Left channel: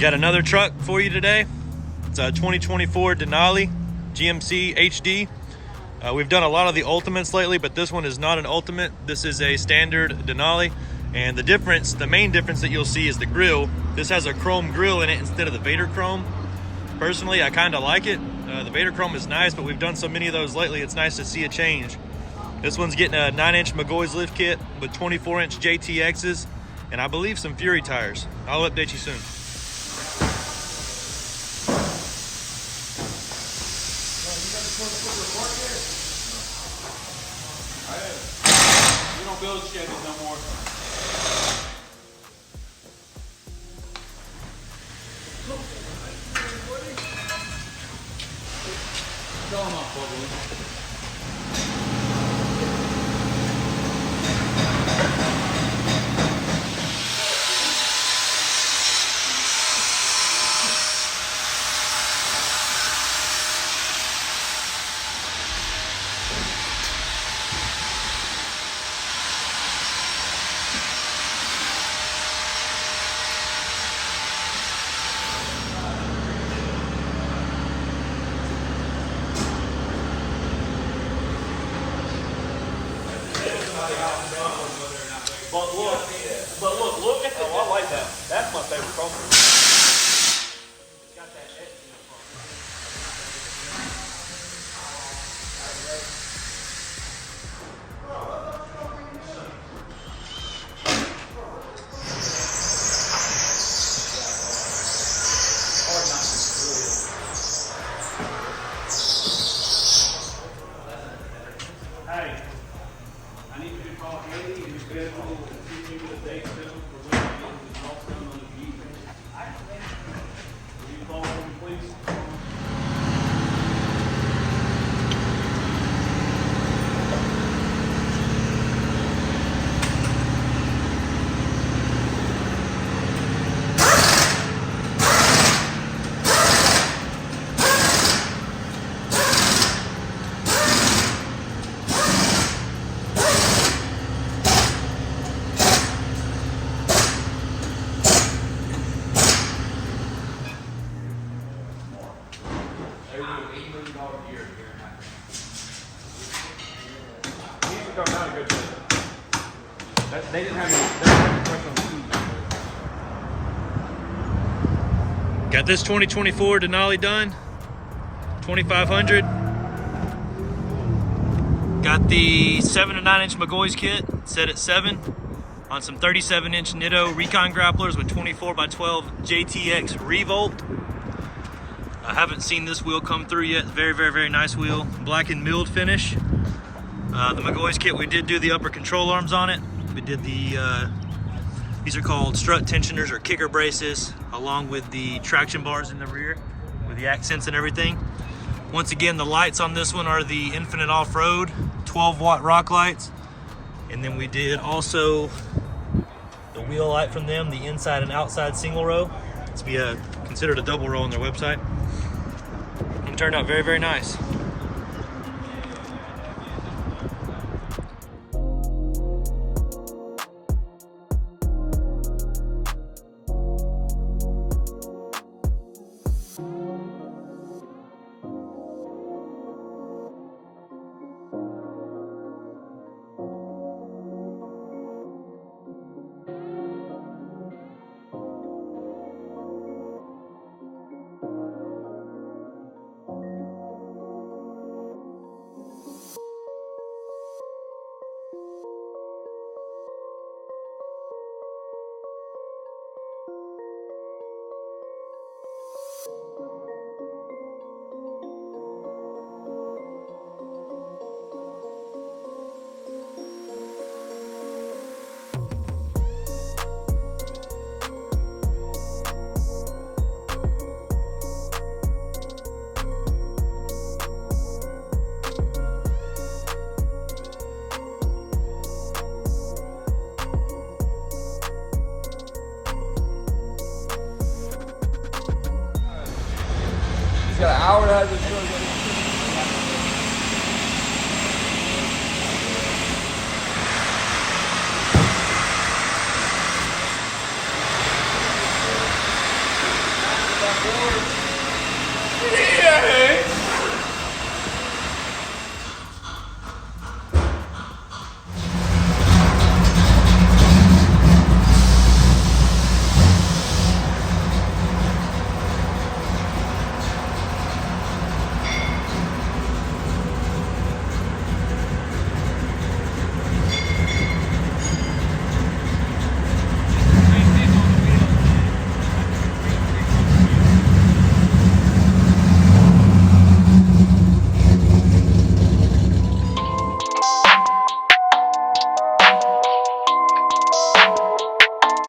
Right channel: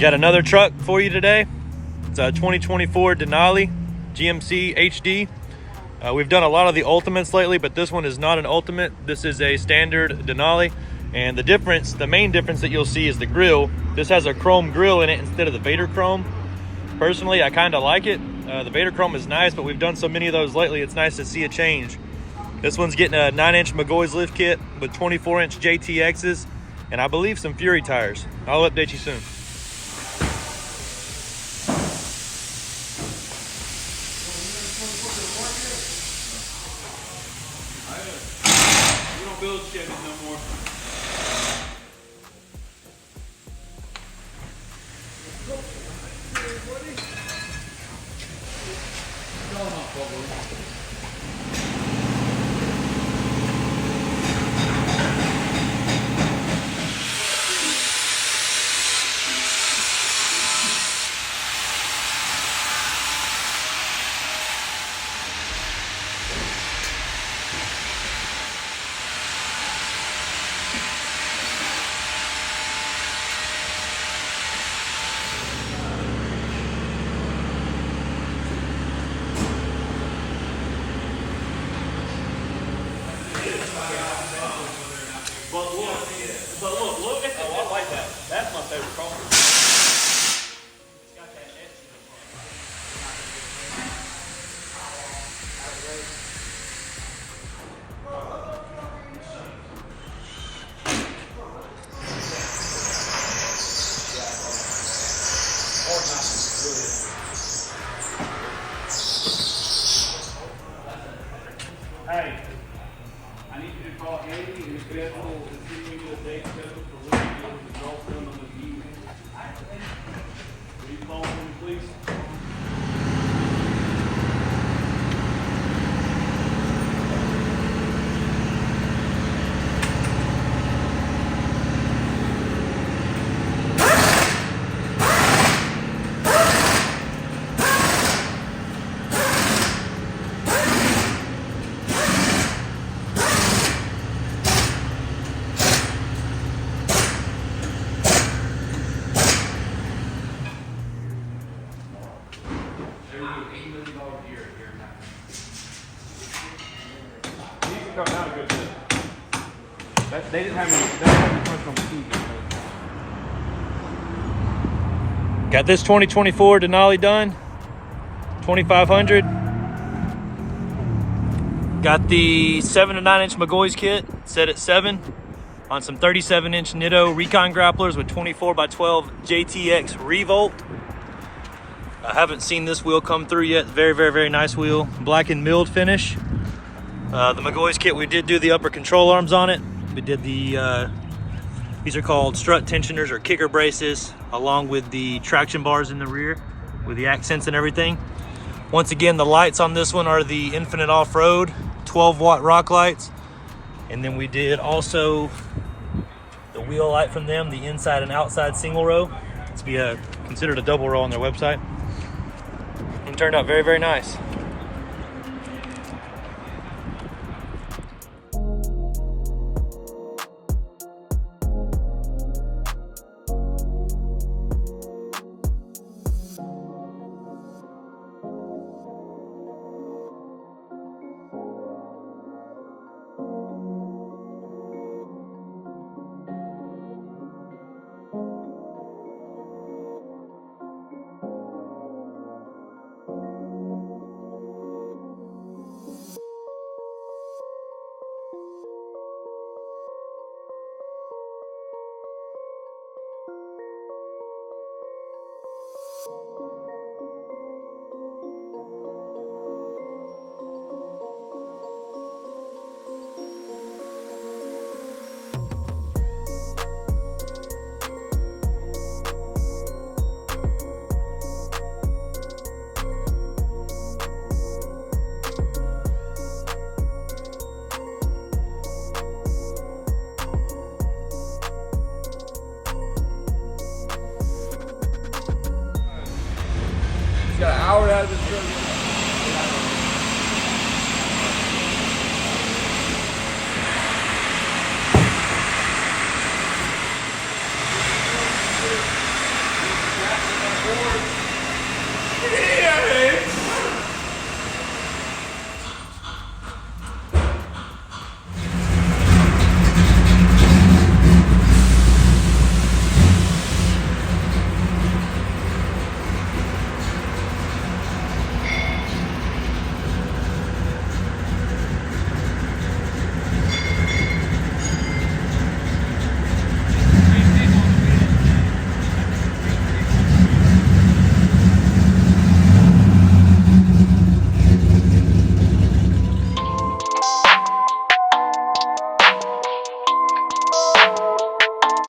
Got another truck for you today. It's a 2024 Denali GMC HD. We've done a lot of the Ultimates lately, but this one is not an Ultimate. This is a standard Denali. And the difference, the main difference that you'll see is the grill. This has a chrome grill in it instead of the Vader chrome. Personally, I kind of like it. The Vader chrome is nice, but we've done so many of those lately, it's nice to see a change. This one's getting a 9-inch McGaughys lift kit with 24-inch JTXs, and I believe some Fury tires. I'll update you soon. You don't build Chevys no more. Look at the I like that. That's my favorite crossover. Hey, I need to do call Andy and the schedule will continue to date schedule for when we get the results done on the meeting. Will you follow me, please? They didn't have Got this 2024 Denali done, 2500. Got the 7 to 9 inch McGaughys kit set at 7 on some 37-inch Nitto Recon Grapplers with 24x12 JTX Revolt. I haven't seen this wheel come through yet. Very, very, very nice wheel. Black and milled finish. The McGaughys kit, we did do the upper control arms on it. We did the, these are called strut tensioners or kicker braces, along with the traction bars in the rear with the accents and everything. Once again, the lights on this one are the Infinite Off-Road 12-watt rock lights. And then we did also the wheel light from them, the inside and outside single row. It's considered a double row on their website. And turned out very, very nice.